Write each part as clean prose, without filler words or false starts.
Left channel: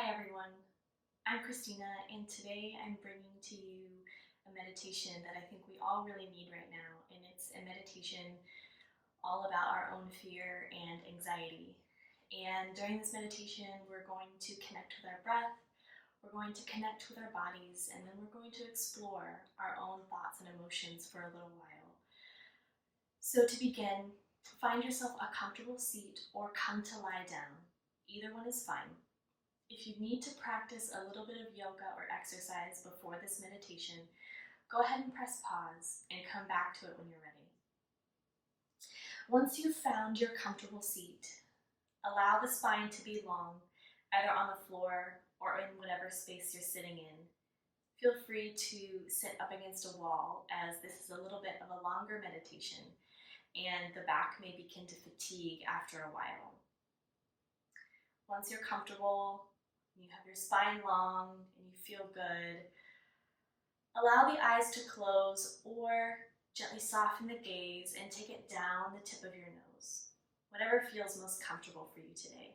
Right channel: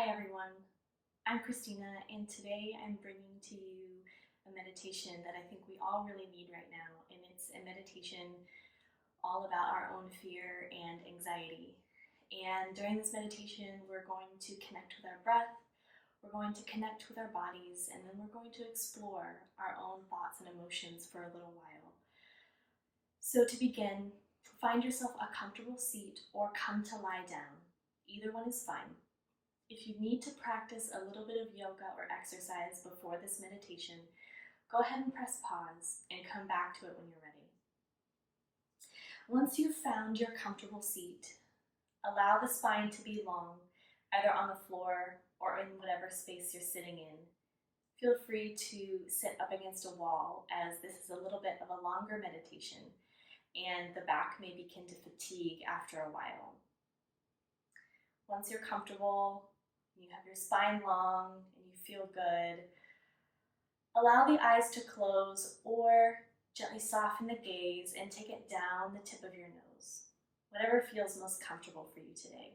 Hi everyone, I'm Christina, and today I'm bringing to you a meditation that I think we all really need right now, and it's a meditation all about our own fear and anxiety. And during this meditation, we're going to connect with our breath, we're going to connect with our bodies, and then we're going to explore our own thoughts and emotions for a little while. So to begin, find yourself a comfortable seat or come to lie down. Either one is fine. If you need to practice a little bit of yoga or exercise before this meditation, go ahead and press pause and come back to it when you're ready. Once you've found your comfortable seat, allow the spine to be long, either on the floor or in whatever space you're sitting in. Feel free to sit up against a wall, as this is a little bit of a longer meditation and the back may begin to fatigue after a while. Once you're comfortable, you have your spine long and you feel good, allow the eyes to close or gently soften the gaze and take it down the tip of your nose, whatever feels most comfortable for you today.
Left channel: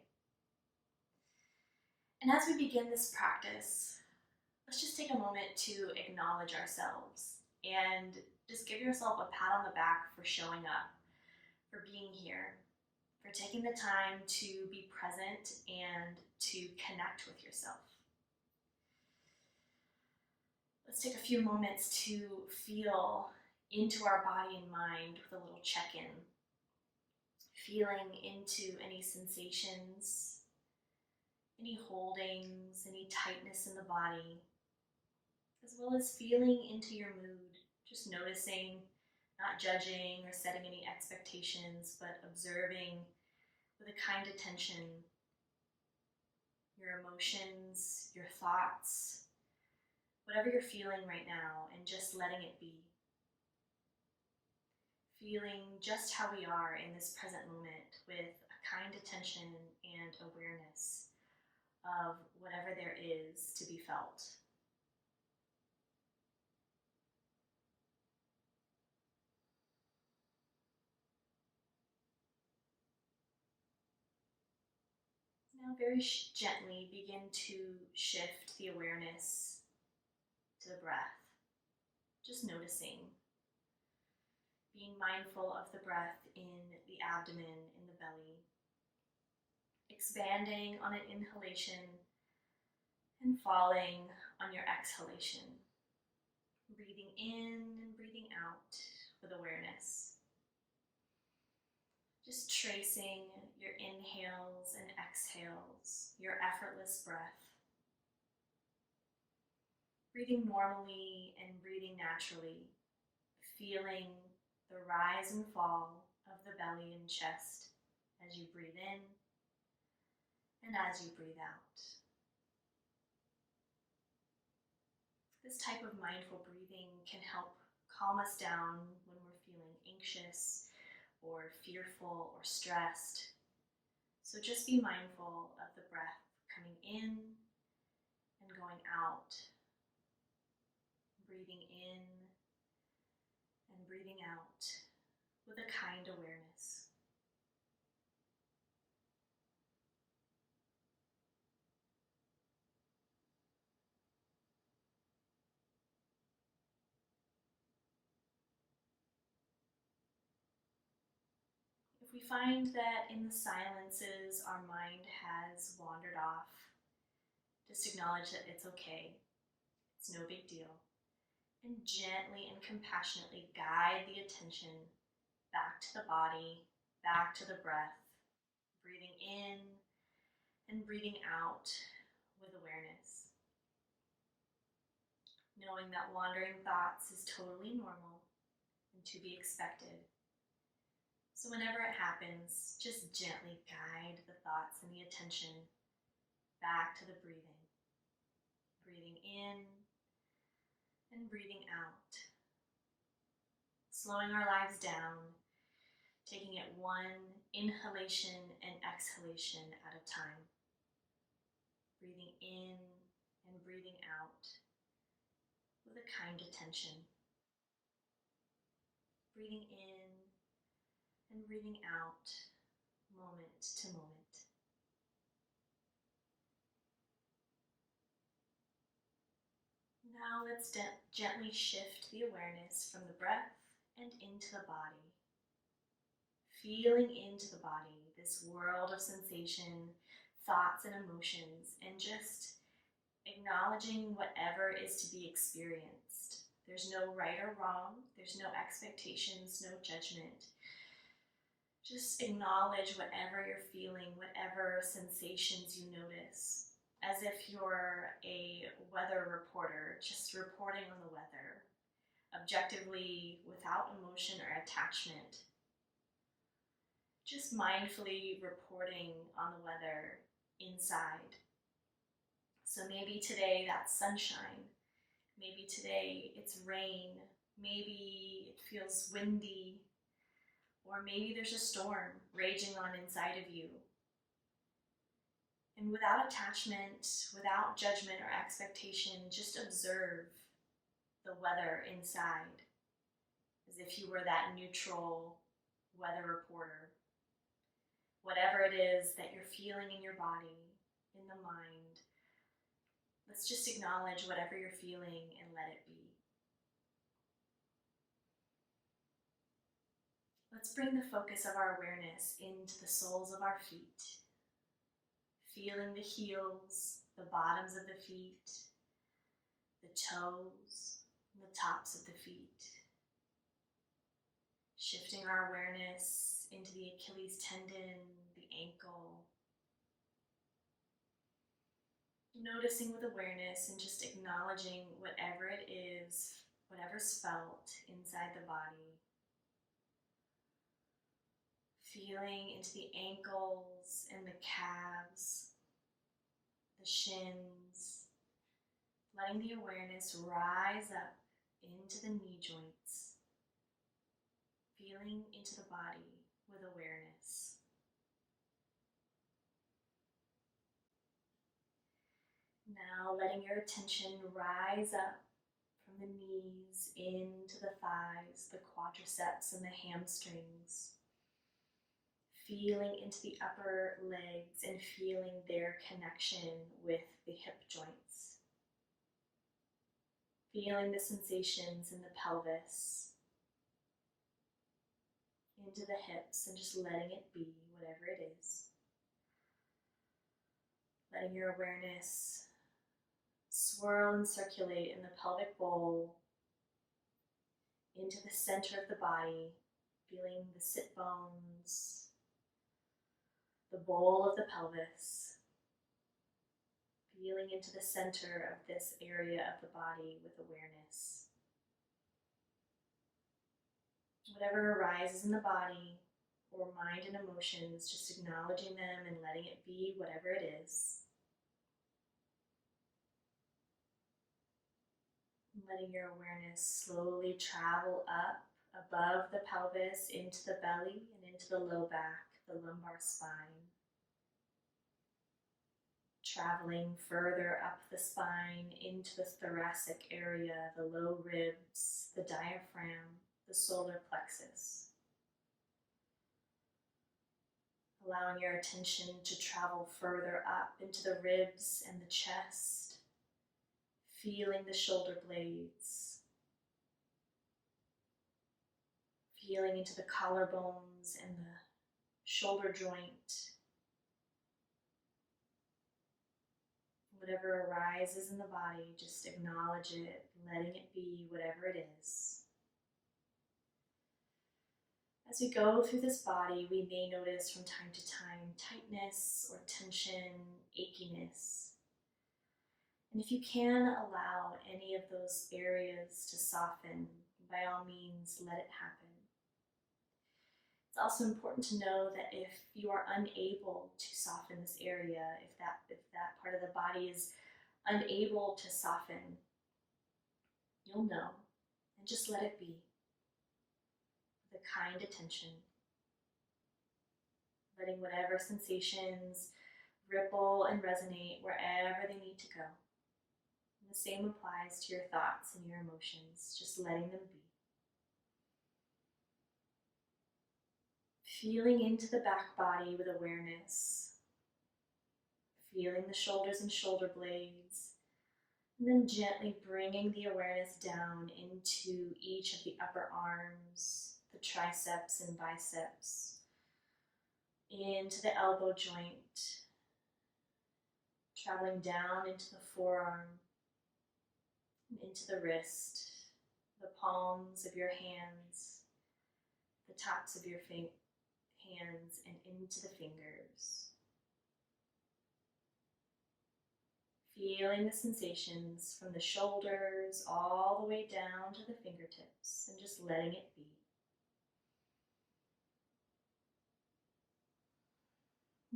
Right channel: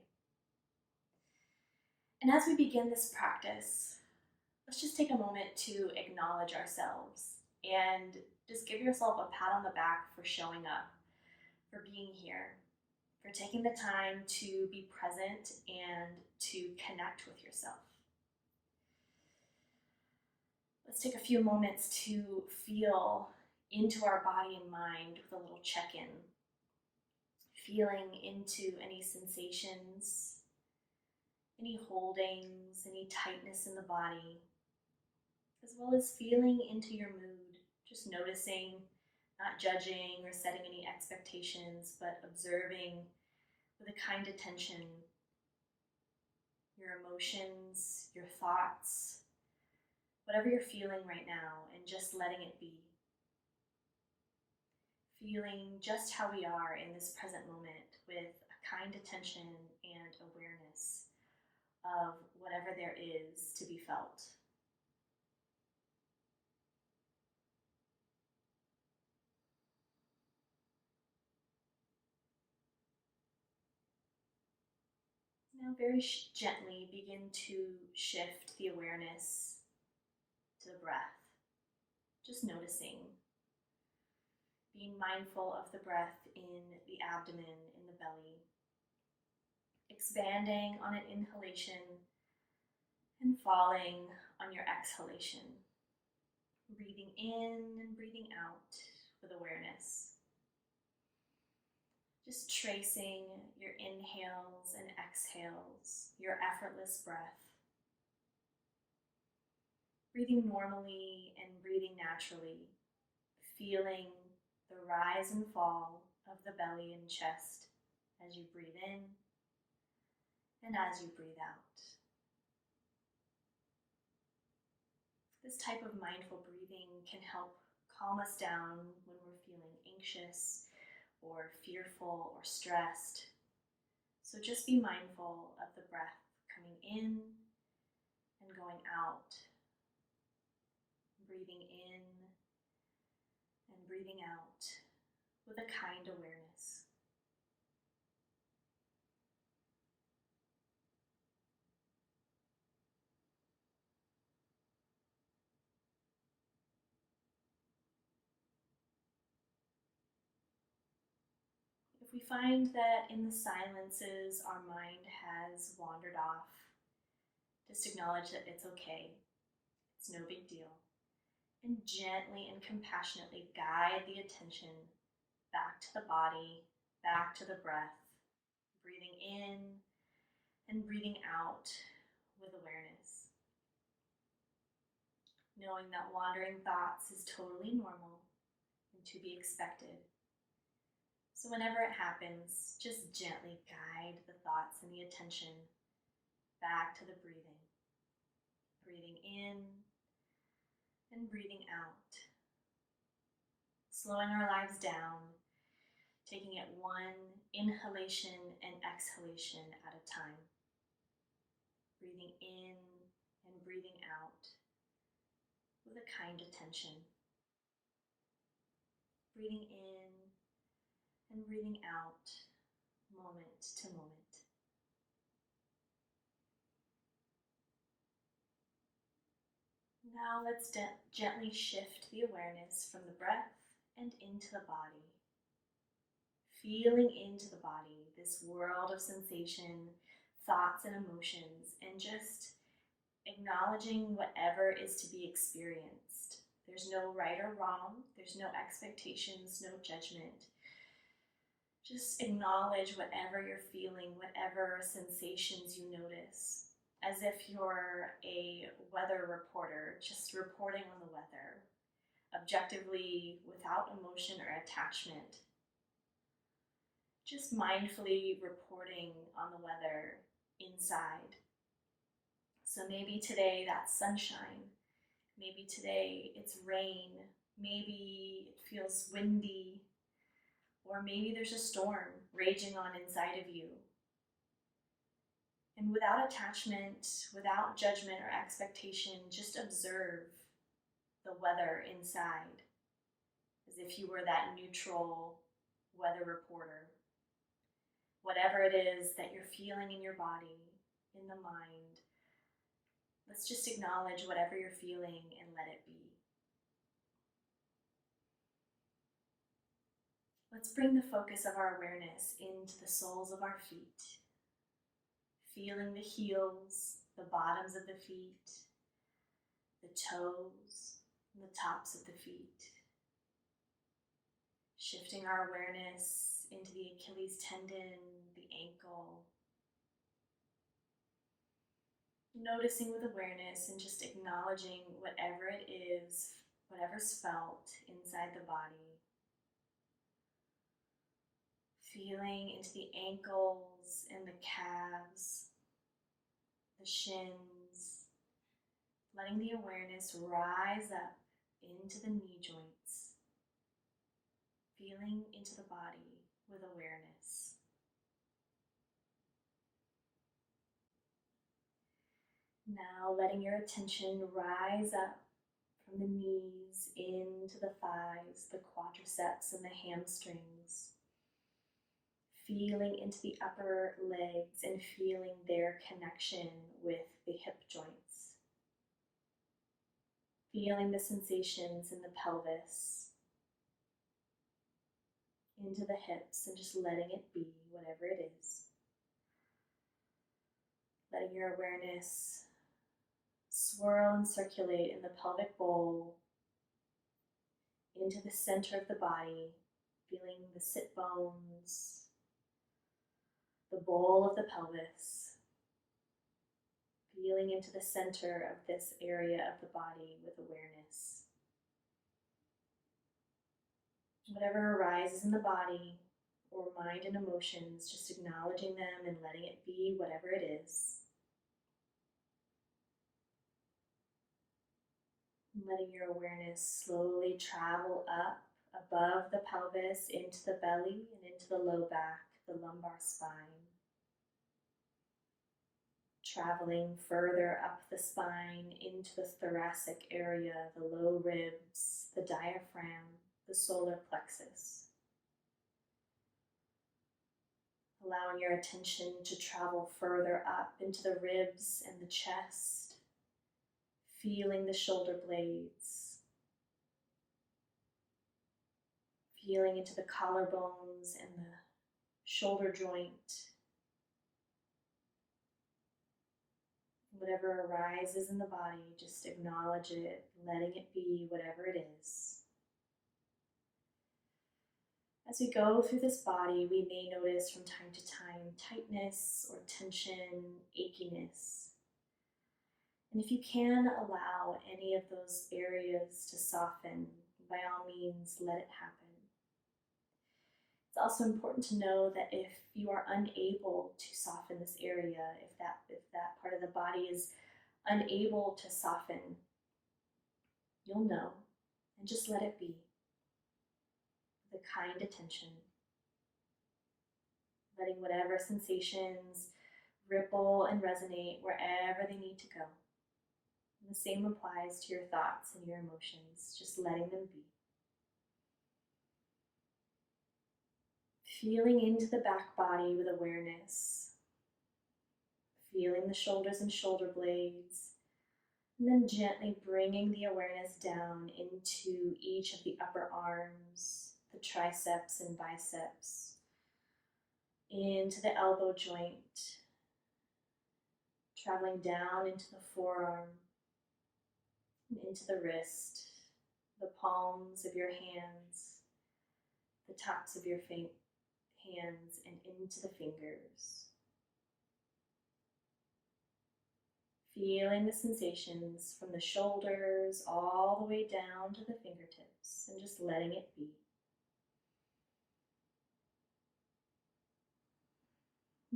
And as we begin this practice, let's just take a moment to acknowledge ourselves and just give yourself a pat on the back for showing up, for being here, for taking the time to be present and to connect with yourself. Let's take a few moments to feel into our body and mind with a little check-in, feeling into any sensations, any holdings, any tightness in the body, as well as feeling into your mood, just noticing, not judging or setting any expectations, but observing with a kind attention your emotions, your thoughts, whatever you're feeling right now, and just letting it be. Feeling just how we are in this present moment with a kind attention and awareness of whatever there is to be felt. Now very gently begin to shift the awareness to the breath, just noticing, being mindful of the breath in the abdomen, in the belly, expanding on an inhalation and falling on your exhalation, breathing in and breathing out with awareness. Just tracing your inhales and exhales, your effortless breath. Breathing normally and breathing naturally, feeling the rise and fall of the belly and chest as you breathe in and as you breathe out. This type of mindful breathing can help calm us down when we're feeling anxious or fearful or stressed. So just be mindful of the breath coming in and going out, breathing in and breathing out with a kind awareness. If we find that in the silences our mind has wandered off, just acknowledge that it's okay. It's no big deal. And gently and compassionately guide the attention back to the body, back to the breath, breathing in and breathing out with awareness. Knowing that wandering thoughts is totally normal and to be expected. So whenever it happens, just gently guide the thoughts and the attention back to the breathing. Breathing in and breathing out. Slowing our lives down, taking it one inhalation and exhalation at a time. Breathing in and breathing out with a kind attention. Breathing in and breathing out, moment to moment. Now let's gently shift the awareness from the breath and into the body. Feeling into the body, this world of sensation, thoughts, and emotions, and just acknowledging whatever is to be experienced. There's no right or wrong, there's no expectations, no judgment. Just acknowledge whatever you're feeling, whatever sensations you notice, as if you're a weather reporter, just reporting on the weather, objectively, without emotion or attachment. Just mindfully reporting on the weather inside. So maybe today that's sunshine. Maybe today it's rain. Maybe it feels windy. Or maybe there's a storm raging on inside of you. And without attachment, without judgment or expectation, just observe the weather inside as if you were that neutral weather reporter. Whatever it is that you're feeling in your body, in the mind, let's just acknowledge whatever you're feeling and let it be. Let's bring the focus of our awareness into the soles of our feet, feeling the heels, the bottoms of the feet, the toes, and the tops of the feet. Shifting our awareness into the Achilles tendon, the ankle. Noticing with awareness and just acknowledging whatever it is, whatever's felt inside the body. Feeling into the ankles and the calves, the shins, letting the awareness rise up into the knee joints, feeling into the body with awareness. Now letting your attention rise up from the knees into the thighs, the quadriceps and the hamstrings. Feeling into the upper legs and feeling their connection with the hip joints. Feeling the sensations in the pelvis, into the hips, and just letting it be, whatever it is. Letting your awareness swirl and circulate in the pelvic bowl, into the center of the body, feeling the sit bones, the bowl of the pelvis, feeling into the center of this area of the body with awareness. Whatever arises in the body or mind and emotions, just acknowledging them and letting it be whatever it is. Letting your awareness slowly travel up above the pelvis into the belly and into the low back, the lumbar spine. Traveling further up the spine into the thoracic area, the low ribs, the diaphragm, the solar plexus. Allowing your attention to travel further up into the ribs and the chest, feeling the shoulder blades, feeling into the collarbones and the shoulder joint. Whatever arises in the body, just acknowledge it, letting it be whatever it is. As we go through this body, we may notice from time to time tightness or tension, achiness. And if you can allow any of those areas to soften, by all means, let it happen. It's also important to know that if you are unable to soften this area, if that part of the body is unable to soften, you'll know, and just let it be. With a kind attention, letting whatever sensations ripple and resonate wherever they need to go. And the same applies to your thoughts and your emotions, just letting them be. Feeling into the back body with awareness, feeling the shoulders and shoulder blades, And then gently bringing the awareness down into each of the upper arms, the triceps and biceps, into the elbow joint, traveling down into the forearm and into the wrist, the palms of your hands, the tops of your hands, and into the fingers. Feeling the sensations from the shoulders all the way down to the fingertips and just letting it be.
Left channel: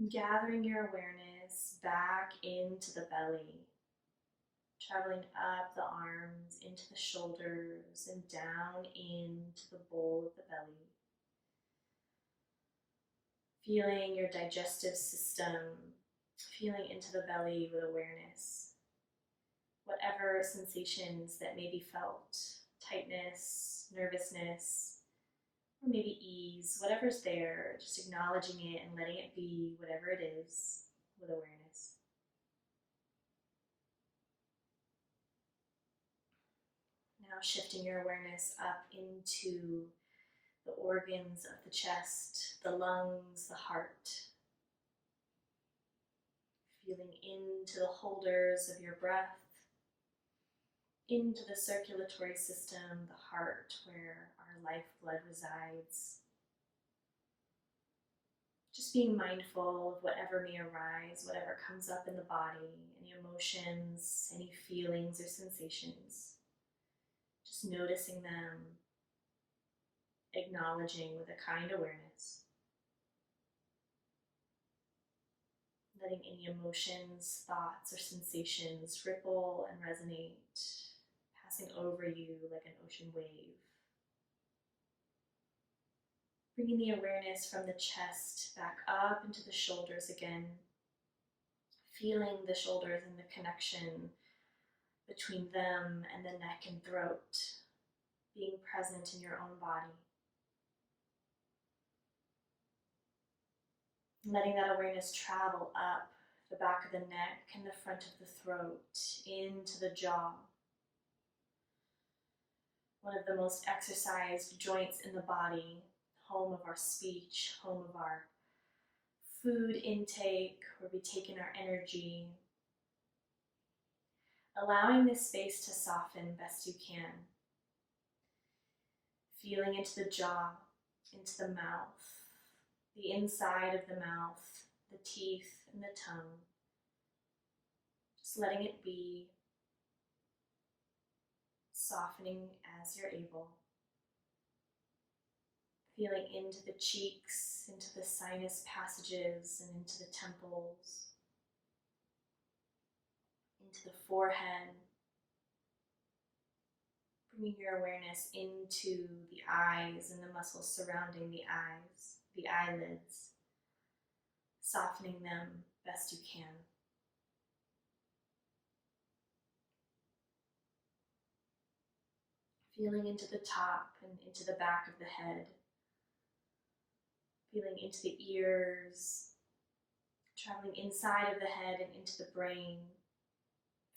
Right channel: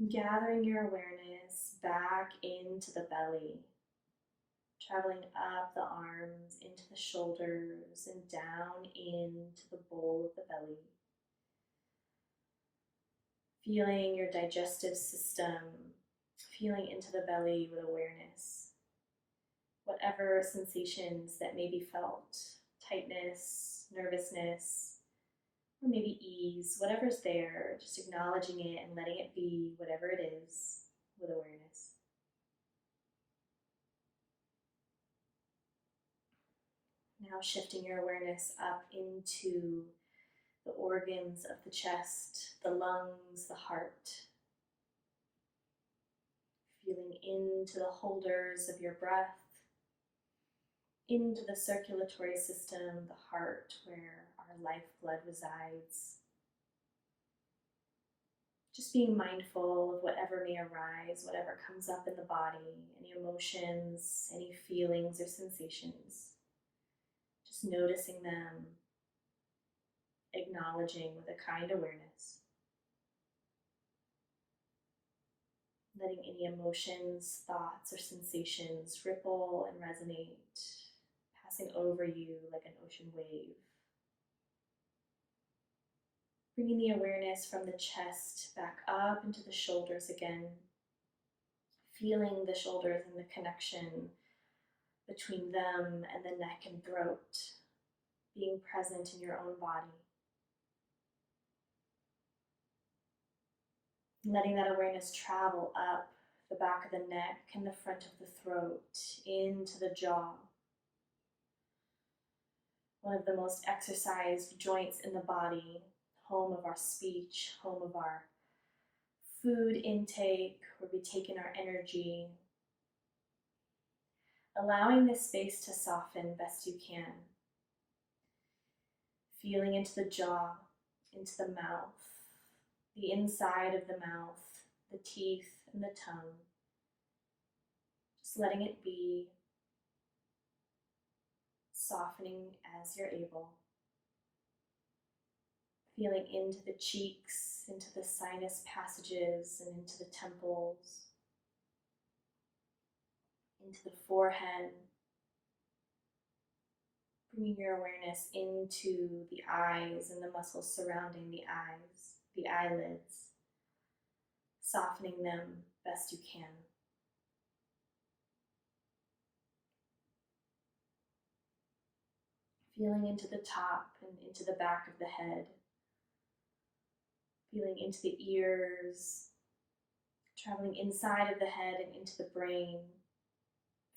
Gathering your awareness back into the belly, traveling up the arms, into the shoulders, and down into the bowl of the belly. Feeling your digestive system, feeling into the belly with awareness. Whatever sensations that may be felt, tightness, nervousness, or maybe ease, whatever's there, just acknowledging it and letting it be whatever it is with awareness. Now shifting your awareness up into the organs of the chest, the lungs, the heart. Feeling into the holders of your breath, into the circulatory system, the heart, where our lifeblood resides. Just being mindful of whatever may arise, whatever comes up in the body, any emotions, any feelings or sensations. Just noticing them, acknowledging with a kind awareness. Letting any emotions, thoughts, or sensations ripple and resonate, passing over you like an ocean wave. Bringing the awareness from the chest back up into the shoulders again. Feeling the shoulders and the connection between them and the neck and throat. Being present in your own body. Letting that awareness travel up the back of the neck and the front of the throat, into the jaw. One of the most exercised joints in the body, home of our speech, home of our food intake, where we take in our energy. Allowing this space to soften best you can. Feeling into the jaw, into the mouth, the inside of the mouth, the teeth and the tongue. Just letting it be, softening as you're able. Feeling into the cheeks, into the sinus passages, and into the temples, into the forehead. Bringing your awareness into the eyes and the muscles surrounding the eyes, the eyelids, softening them best you can. Feeling into the top and into the back of the head. Feeling into the ears, traveling inside of the head and into the brain.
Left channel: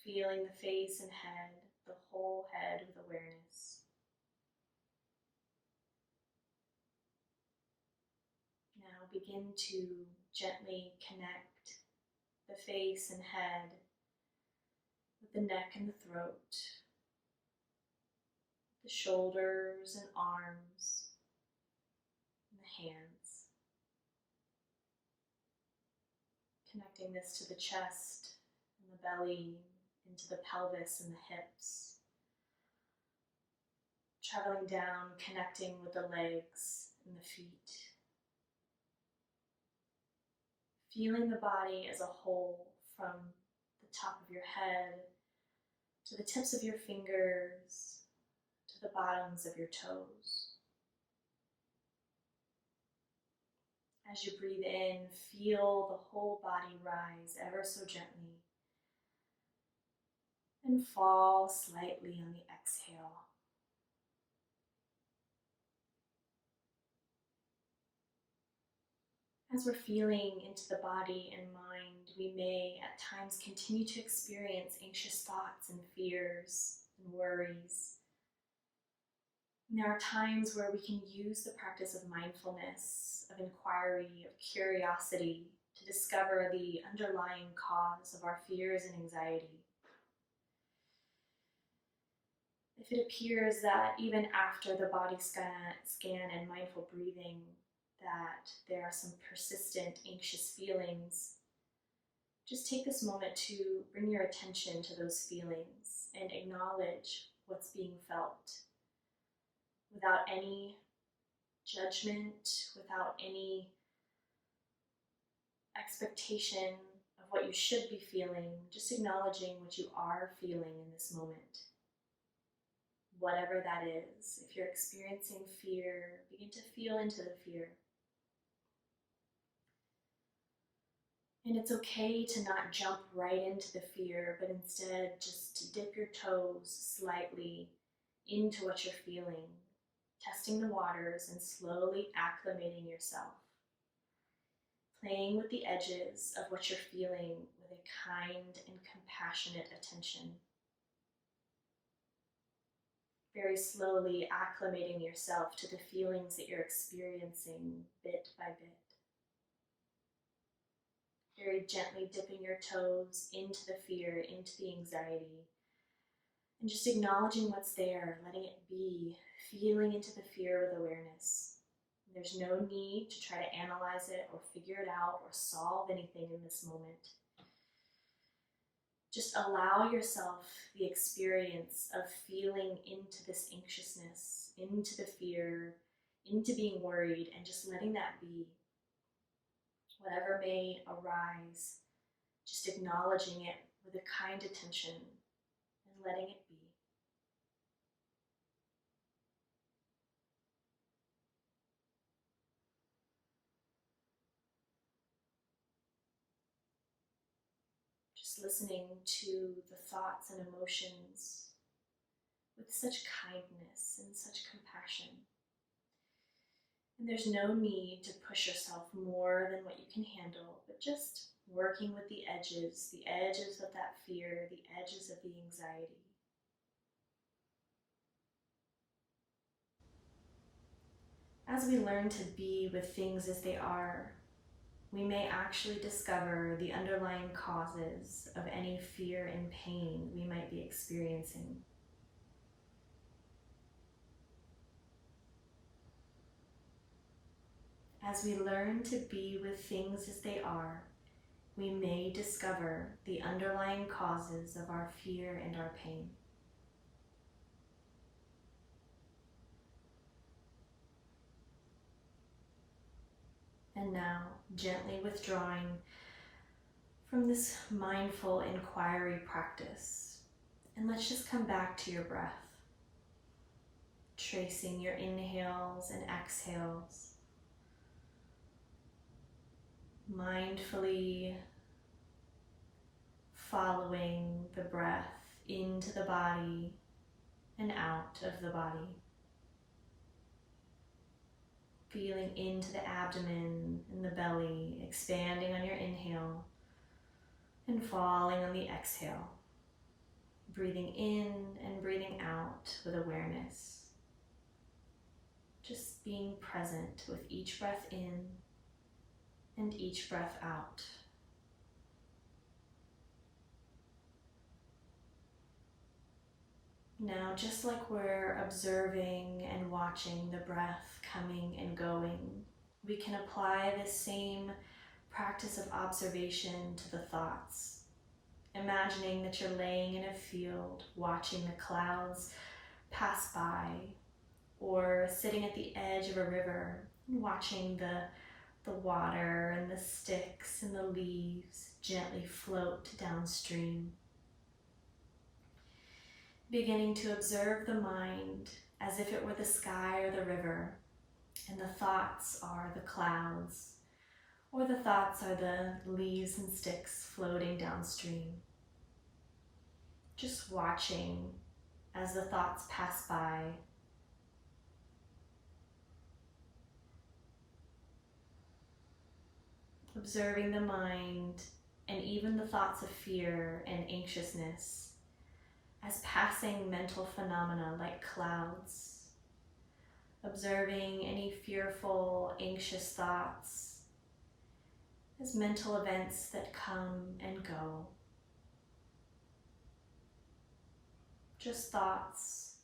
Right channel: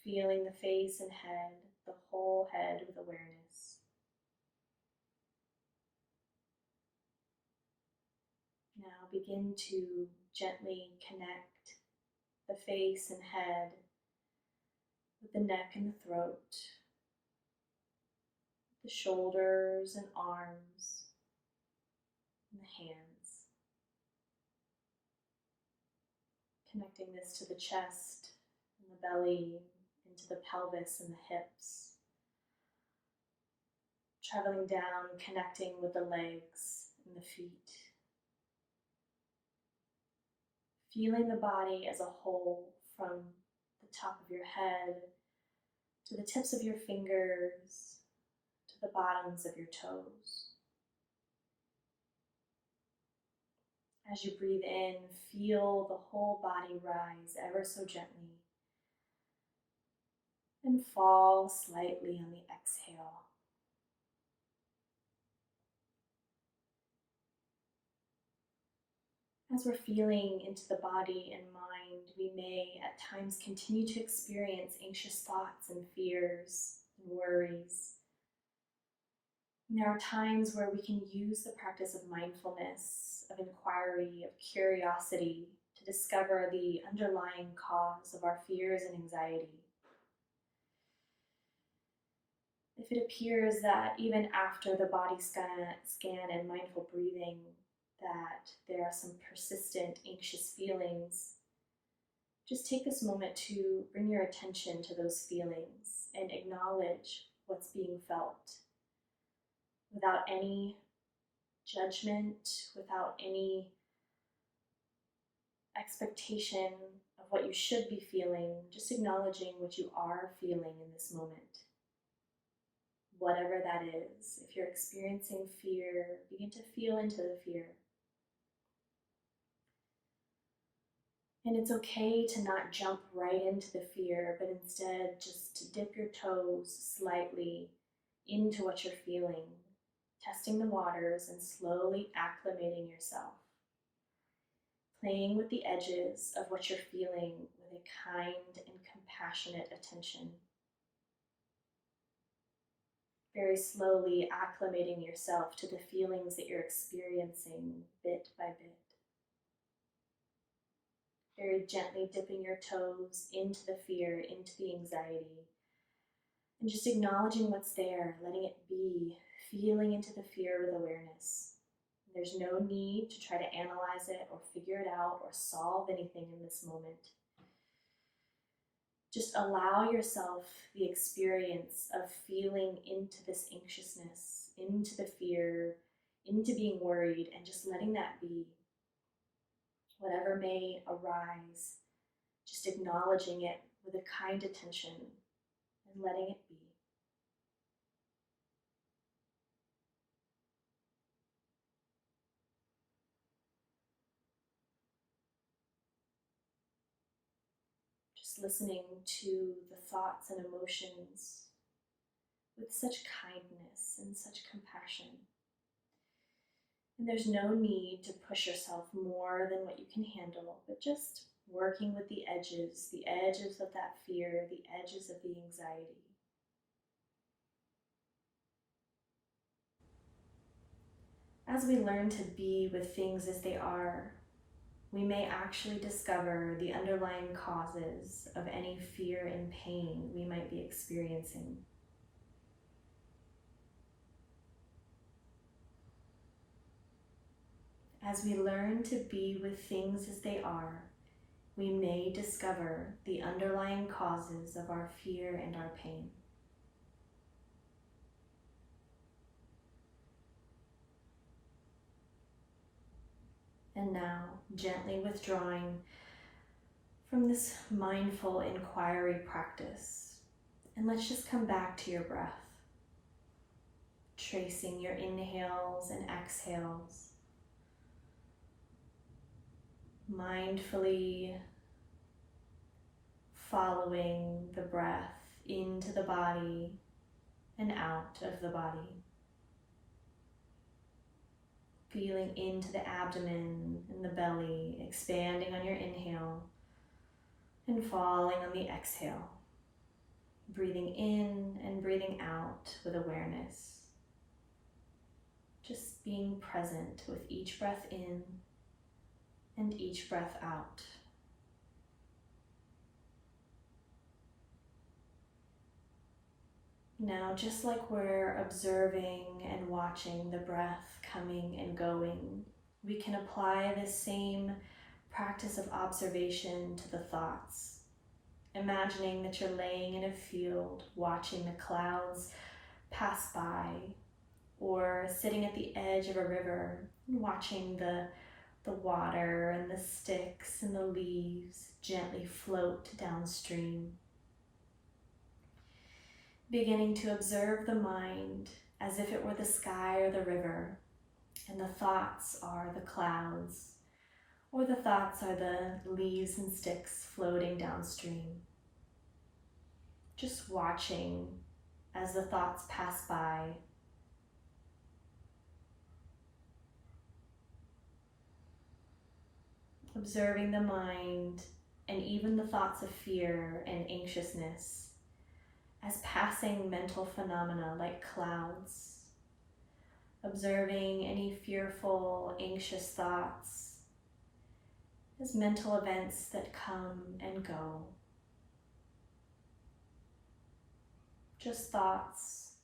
Feeling the face and head, the whole head with awareness. Now begin to gently connect the face and head with the neck and the throat, the shoulders and arms, and the hands. Connecting this to the chest and the belly, into the pelvis and the hips. Traveling down, connecting with the legs and the feet. Feeling the body as a whole from the top of your head to the tips of your fingers, to the bottoms of your toes. As you breathe in, feel the whole body rise ever so gently and fall slightly on the exhale. As we're feeling into the body and mind, we may at times continue to experience anxious thoughts and fears and worries. And there are times where we can use the practice of mindfulness, of inquiry, of curiosity to discover the underlying cause of our fears and anxiety. If it appears that even after the body scan and mindful breathing, that there are some persistent anxious feelings, just take this moment to bring your attention to those feelings and acknowledge what's being felt without any judgment, without any expectation of what you should be feeling, just acknowledging what you are feeling in this moment. Whatever that is, if you're experiencing fear, begin to feel into the fear. And it's okay to not jump right into the fear, but instead just to dip your toes slightly into what you're feeling, testing the waters and slowly acclimating yourself. Playing with the edges of what you're feeling with a kind and compassionate attention. Very slowly acclimating yourself to the feelings that you're experiencing bit by bit. Very gently dipping your toes into the fear, into the anxiety, and just acknowledging what's there, letting it be, feeling into the fear with awareness. There's no need to try to analyze it or figure it out or solve anything in this moment. Just allow yourself the experience of feeling into this anxiousness, into the fear, into being worried, and just letting that be. Whatever may arise, just acknowledging it with a kind attention and letting it be. Just listening to the thoughts and emotions with such kindness and such compassion. And there's no need to push yourself more than what you can handle, but just working with the edges of that fear, the edges of the anxiety. As we learn to be with things as they are, we may actually discover the underlying causes of any fear and pain we might be experiencing. As we learn to be with things as they are, we may discover the underlying causes of our fear and our pain. And now, gently withdrawing from this mindful inquiry practice, and let's just come back to your breath, tracing your inhales and exhales, mindfully following the breath into the body and out of the body. Feeling into the abdomen and the belly, expanding on your inhale and falling on the exhale. Breathing in and breathing out with awareness. Just being present with each breath in and each breath out. Now, just like we're observing and watching the breath coming and going, we can apply this same practice of observation to the thoughts. Imagining that you're laying in a field, watching the clouds pass by, or sitting at the edge of a river, and watching the water and the sticks and the leaves gently float downstream. Beginning to observe the mind as if it were the sky or the river, and the thoughts are the clouds, or the thoughts are the leaves and sticks floating downstream. Just watching as the thoughts pass by. observing the mind and even the thoughts of fear and anxiousness as passing mental phenomena like clouds, observing any fearful, anxious thoughts as mental events that come and go. Just thoughts,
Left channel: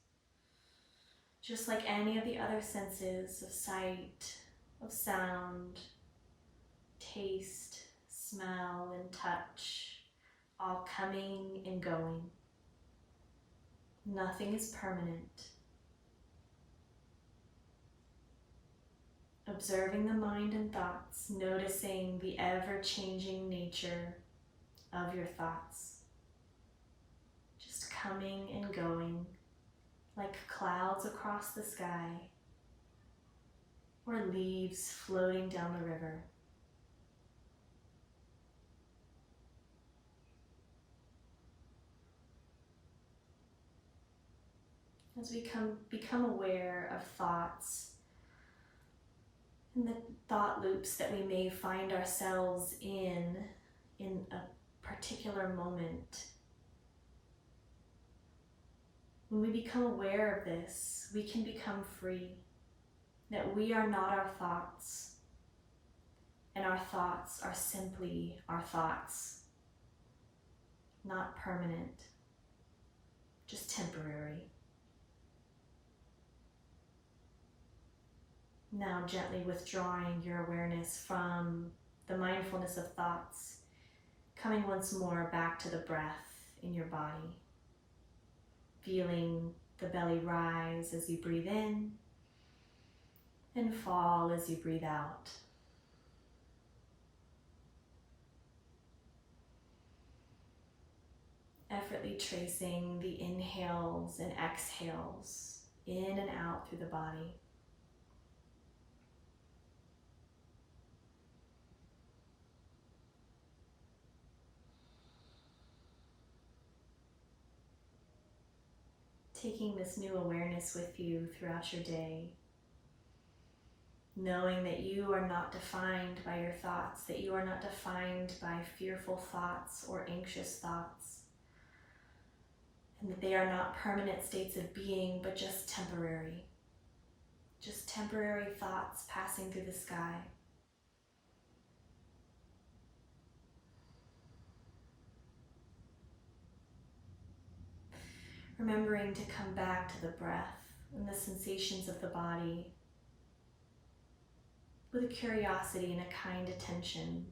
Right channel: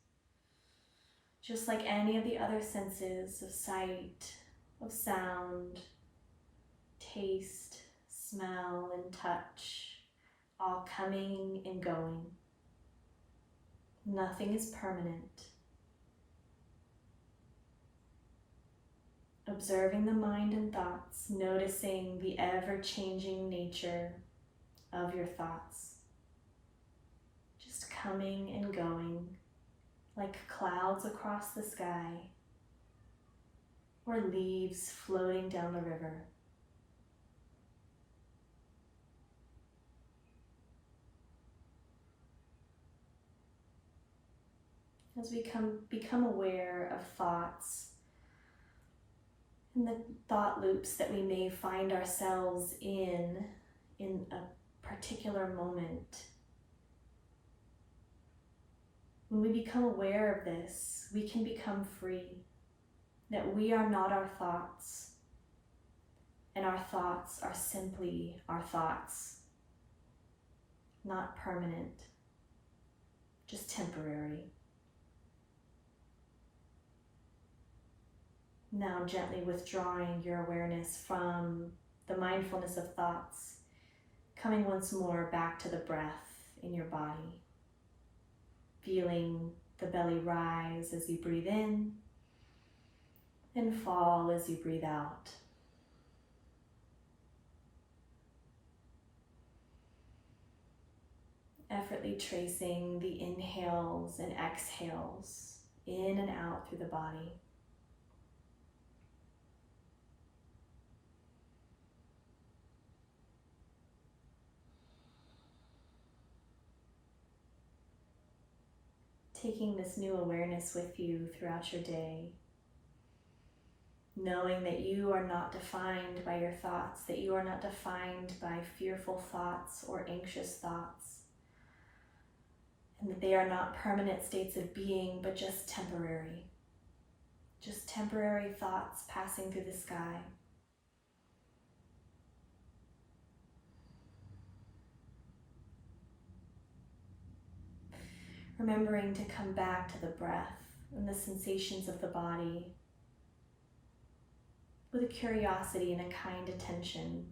just like any of the other senses of sight, of sound, taste, smell, and touch, all coming and going. Nothing is permanent. Observing the mind and thoughts, noticing the ever-changing nature of your thoughts. Just coming and going like clouds across the sky or leaves floating down the river. As we become aware of thoughts and the thought loops that we may find ourselves in a particular moment, when we become aware of this, we can become free, that we are not our thoughts, and our thoughts are simply our thoughts, not permanent, just temporary. Now gently withdrawing your awareness from the mindfulness of thoughts, coming once more back to the breath in your body, feeling the belly rise as you breathe in and fall as you breathe out. Effortlessly tracing the inhales and exhales in and out through the body. Taking this new awareness with you throughout your day, knowing that you are not defined by your thoughts, that you are not defined by fearful thoughts or anxious thoughts, and that they are not permanent states of being, but just temporary thoughts passing through the sky. Remembering to come back to the breath and the sensations of the body with a curiosity and a kind attention.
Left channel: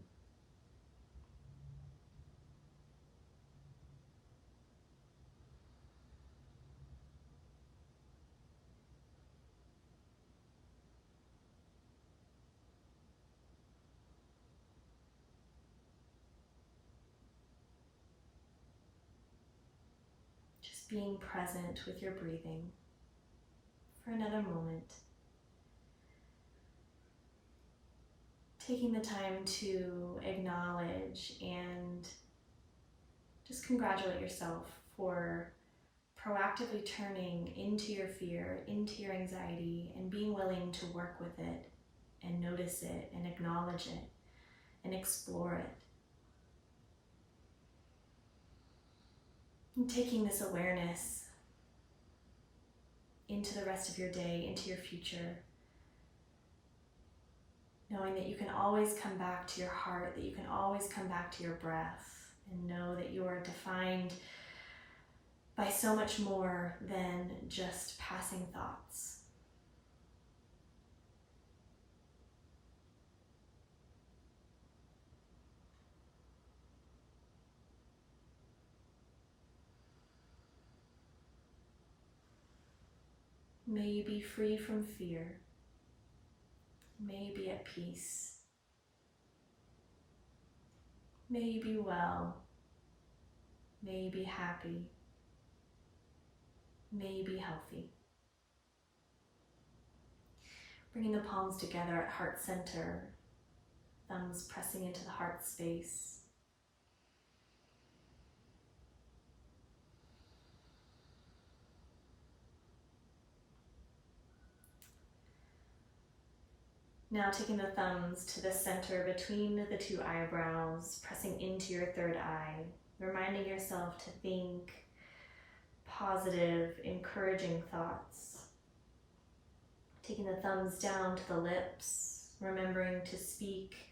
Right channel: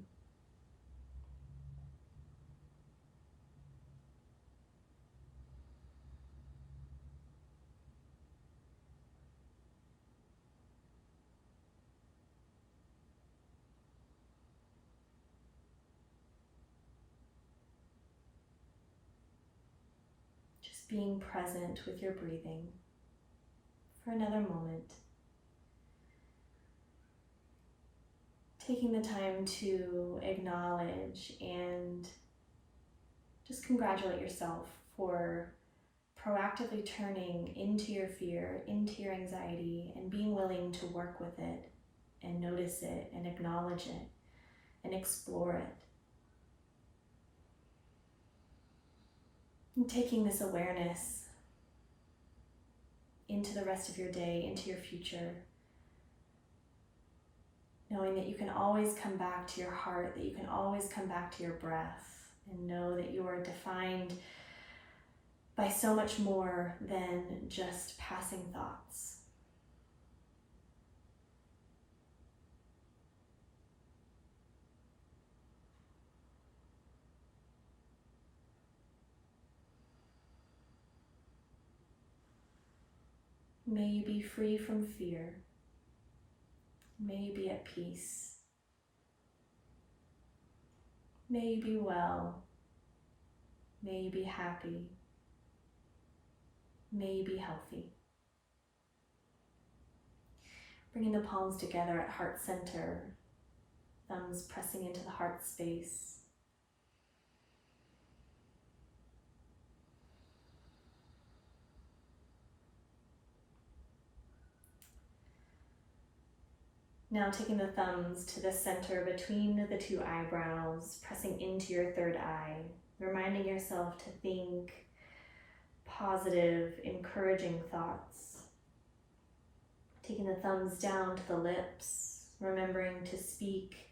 Just being present with your breathing for another moment. Taking the time to acknowledge and just congratulate yourself for proactively turning into your fear, into your anxiety, and being willing to work with it and notice it and acknowledge it and explore it. And taking this awareness into the rest of your day, into your future, knowing that you can always come back to your heart, that you can always come back to your breath, and know that you are defined by so much more than just passing thoughts. May you be free from fear. May you be at peace. May you be well. May you be happy. May you be healthy. Bringing the palms together at heart center, thumbs pressing into the heart space. Now taking the thumbs to the center between the two eyebrows, pressing into your third eye, reminding yourself to think positive, encouraging thoughts. Taking the thumbs down to the lips, remembering to speak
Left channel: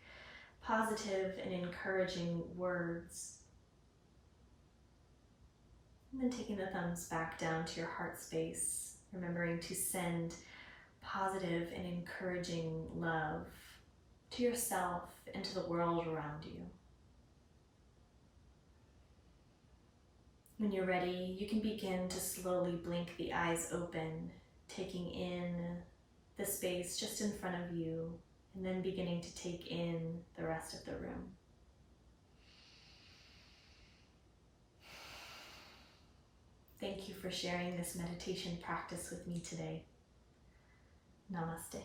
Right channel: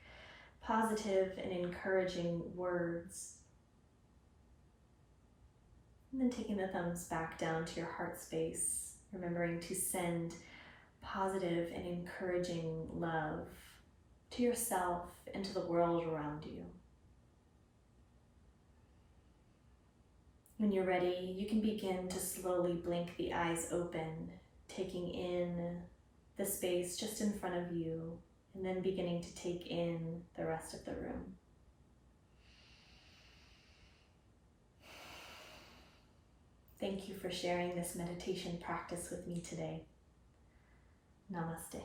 positive and encouraging words. And then taking the thumbs back down to your heart space, remembering to send positive and encouraging love to yourself and to the world around you. When you're ready, you can begin to slowly blink the eyes open, taking in the space just in front of you, and then beginning to take in the rest of the room. Thank you for sharing this meditation practice with me today. Namaste.